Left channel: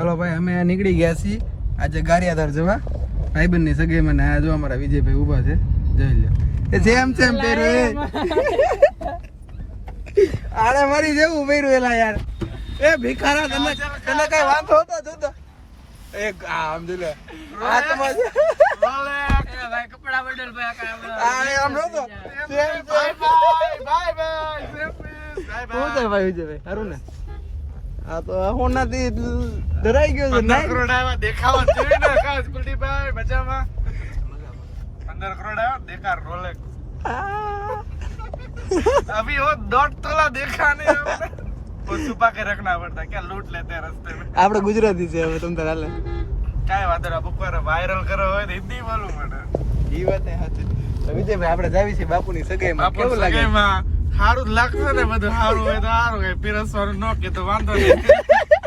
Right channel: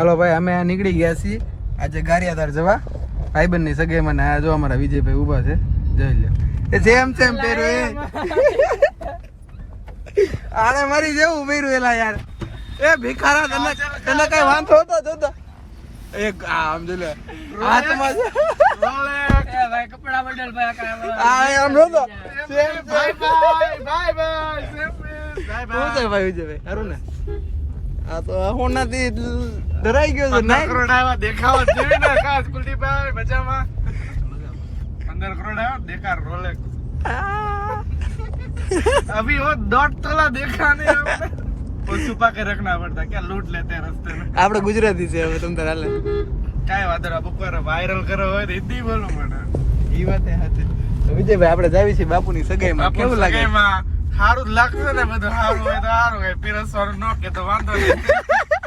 હાલો ભાઈ, અમે નીકળી ગયા છીએ આજે ગારિયાધાર જવા ભાઈબંધની સગાઈમાં ને આ જો અમારા વિજયભાઈ ઊભા છે, જોઈ લો. એ સેમ પહેર્યું આને મારી જેવું પહેર્યું એલા યાર. એ ભિખારા તને કઈ વાંધો હતો જોતો એક આમ જો લે હાથમાં છે ભાઈ કપડા બદલ ભાઈ આમ જોતો સેમ બાય બાય ભાઈ વિજયભાઈ હારું ને આ તો હોનાથી ડરાઈ ગયો છે. 15 કરોડ આવા દેખાવ જોઈએ ને ખાસ કુલદીપભાઈ મજામાં. 15 કરોડ આવા દેખાર રોલેક્સ अभी वो 1.5 तोला देखा नहीं हमने, वो छुपा के रखना पड़ता क्या लूट लेते हैं रास्ते में. આપણે ગુજરાતી છે હવે तुम તારા લે કાઈ વાદરા બપોર વાયરલ કરો હોય તો હિન્દી બોલવું પડે. ઈ વાત હે સાચી. વિજયભાઈ આપણે જાવી છે બાપુની સગાઈમાં, કેવું લાગે? સગાઈમાં સારું જ લાગશે ને, બધું સારું હોય તો સારું હોય, પીરસવાનું ન કે તો વાંધો નહીં.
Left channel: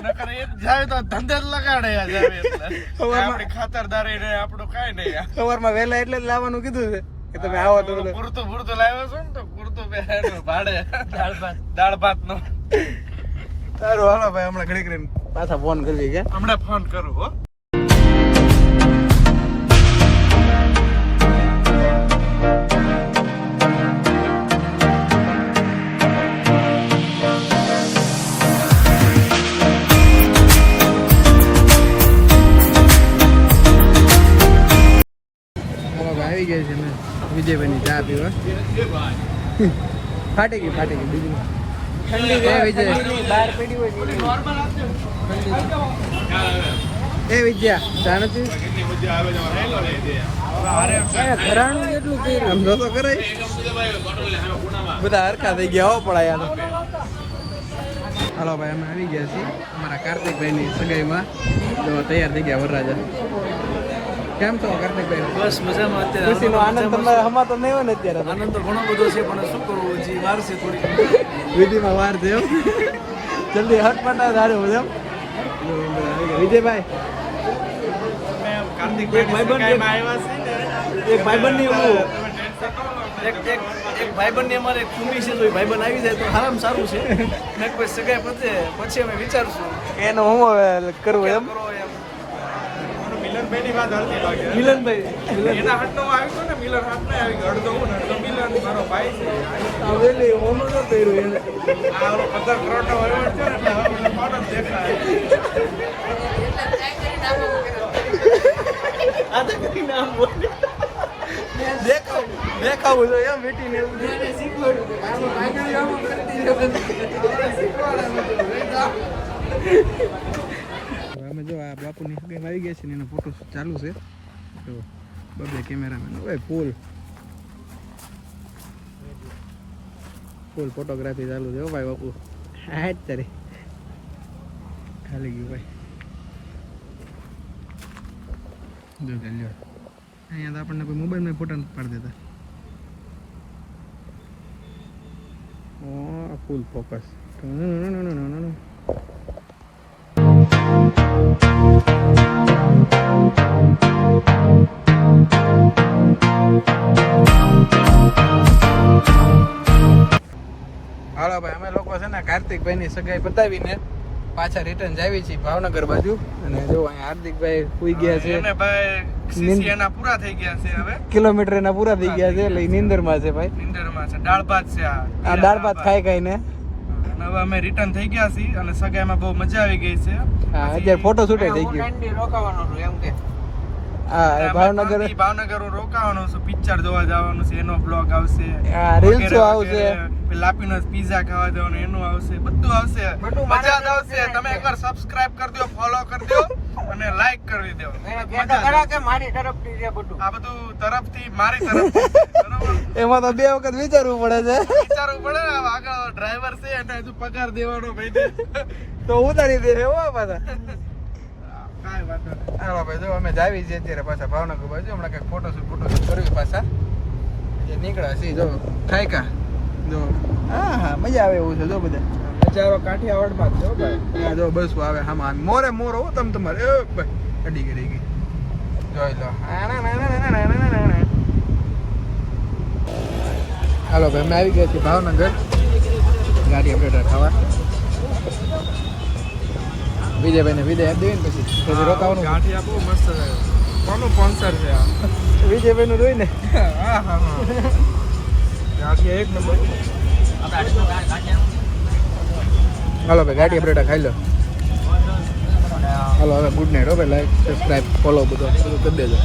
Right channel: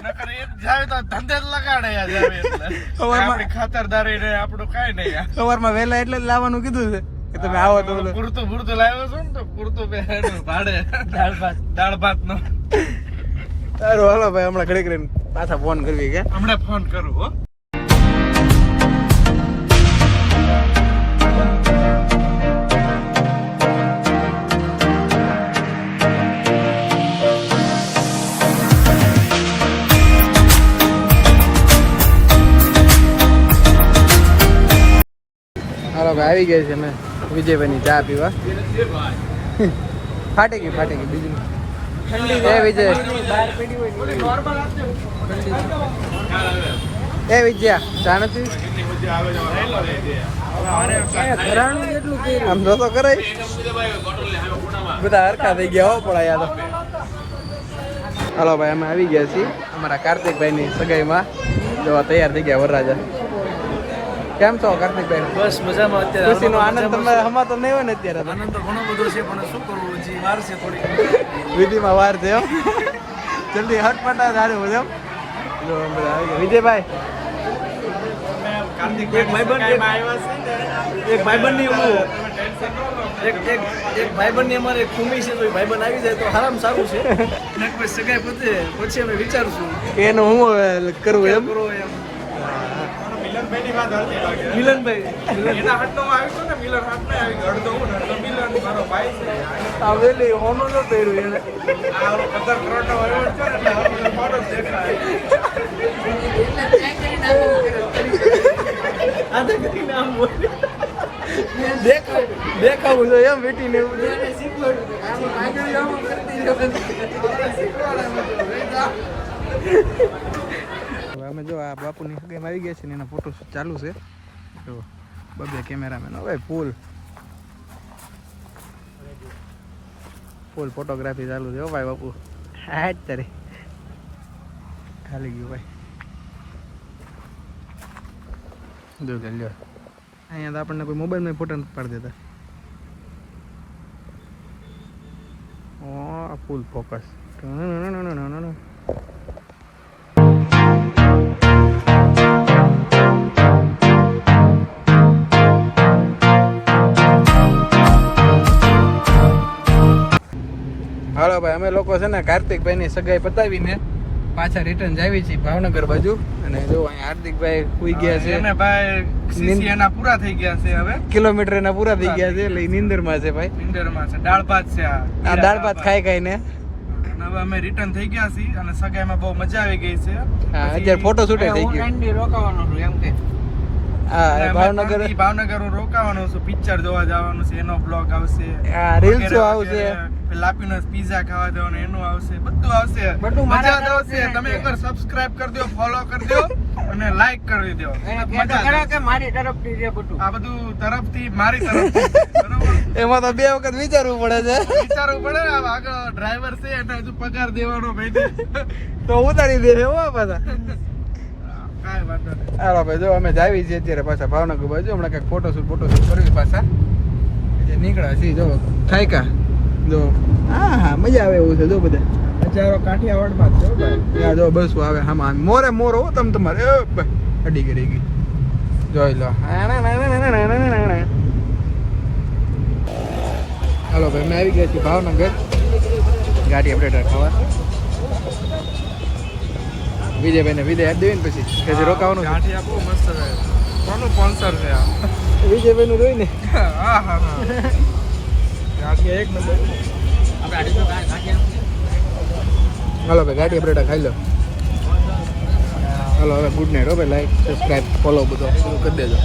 નકર એ જાય તો ધંધે જ લગાડે જાય એટલે આપણી ખાતરદારી ને આપણું કાઈ નહીં. સવારમાં વહેલા એટલે જ લાવવાનું કીધું છે કે તમે આવો તો પૂરતું લાવ્યો છો ને તો પૂરતું ભાડે દાળ ભાત નો. સારું હાલો ભાઈ, હમણાં ઘડી કરીને પાછા ફોન કરવી ગયા. હમણાં ફોન કરું હો. આવી ગઈ છે મેં વિજયભાઈની ચા પીવા. ફાટી ગઈ એ વિજય એ વિજય ચા નથી આમ તો કરે બધા હરખા થઈ ગયા હો પડા યાર. હાલો ભાઈ, અમે આવી ગયા છીએ અમારા કાર્તિકભાઈની સગાઈમાં. જો તૈયાર થઈ ગયા વરરાજા. કેમ છો કાર્તિકભાઈ? બસ મજામાં. અત્યારે મજામાં છે. આનંદ તો ઘણો બધો છે પણ શું કરવું, હજી વાર છે થોડી, વિધિમાં વાર છે. જલ્દી હાથ પાટા ધારે હોય એમ. વિજયભાઈ એક ભાઈબંધની અમારે ખૂમી છે, તો ભાઈબંધ આવી જાય તો આરામ સારું છે. ને કોઈ સગાઈ પછી અમે વિચારશું એનું હું કરવું એમ. મિલનભાઈની વાત હરતી લાગે. મિલનભાઈ એના હાથમાં આવ્યું છે ને, મિલન હાથ નહીં આવી ગયો. અડધો હું ને અડધો મિલન મારો ભાઈ છે. આવેલી ઓનો તો પહેર્યું એને આ 15 કરોડનો વહીવટ છે એટલે આપણે ફોટો દેખાય. આ તો કરી નામ બોલ દેખાવું છે એમ બેટીને શીખવાડું. આમ આગળ આમ કરતી જો આ બાપુની સગાઈમાં આવી ગયા છે ને એના ફોટો ચાલુ છે. તો બબે કેમેરામેન હવે ફૂલ ફોટોગ્રાફી ચાલુ છે. ભાઈ બાપુ હાટ તારે ખાલી ગયું ભાઈ. જો લ્યો અહીંયા તો આપણને કોઈ મોબાઈલમાં ફોટો નથી પાડી દેતા. ઓ ફૂલ ફોકસ. હાલો ભાઈ, અમે લોકો છે ને કાર્તિકભાઈની સગાઈ પતાવીને પાછા રિટર્ન જાવી છીએ ભાવનગર બાજુ. અને જો અહીંયા હાર્દિકભાઈ સુઈ ગયા છે. અમે ભાઈ સીસી એના પૂરા થઈ ગયા છે, હવે કિલોમીટર એના પૂરા થઈ ગયા છે એટલે નીંદરમાં છે ભાઈ. નીંદરમાં છે. દાળ ભાત છે આ દાળ ભાત ખાઈ ને હવે અમે રિટર્ન થઈ ગયા છીએ. અને સગાઈમાં બહુ મજા આવી ગઈ છે. પછી ફોટો શૂટ થઈ ગયો. રોકાવાનું એમ કે ભાવનગર હું રોકાવાનું છું, પિક્ચર જોવા જવાનું છે, એનો બ્લોગ આવશે, લાપીનોસ પીઝા ખાવા જવાનું એનું આવશે, બધું આવશે, મજા આવશે. તમે એકવાર સબસ્ક્રાઇબ કરી દો, ફોલો કરી દો અને લાઈક કરી દો. મારી તરફથી છે બધું, આ બધું તરફથી મારી તરફથી. એમાં તો 2 વખત વિચારવું પડે છે. વિચારવું પડે ને, આગળ ડ્રાઈવર છે એટલે હજુ પગાર દેવાનો ભાઈ તો ઉતારી દે હો પાછા. હા ભાઈ, જો અમે જાવી છીએ અત્યારે પાછા ભાવનગર બાજુ. હમણાં કંઈક ફોટોશૂટ કરી પાછા નીકળ્યા છીએ. જો ખાયકા જો હા મજા આવે એવું છે. જો બધા ચારો કાઠિયાવાડમાં જ છે ભાઈ. જો બસ આવે આમાં મોરે મોર હો તમે તમારે અડી કરી ગઈ જોઈ લો. હાલો ભાઈ, અમે આવી ગયા છીએ ભાવનગર ગાડી અપડેટર ખાવા. વિજયભાઈને વિદાય આપી દેવી ને પછી રોકાવાનું ગાંઠિયા બહુ મસ્ત છે. કોનું સ્પોન્સર છે? વિજયભાઈનું જોઈ ને. હા હા હા ગાંઠિયા એક નંબર. હાલો ભાઈ ગાંઠિયા બટેટા ખાઈ લો. હાલો હવે ગુડ નાઇટ. હવે લાઈક સબસ્ક્રાઈબ ફોલો બધું કરી દેજો.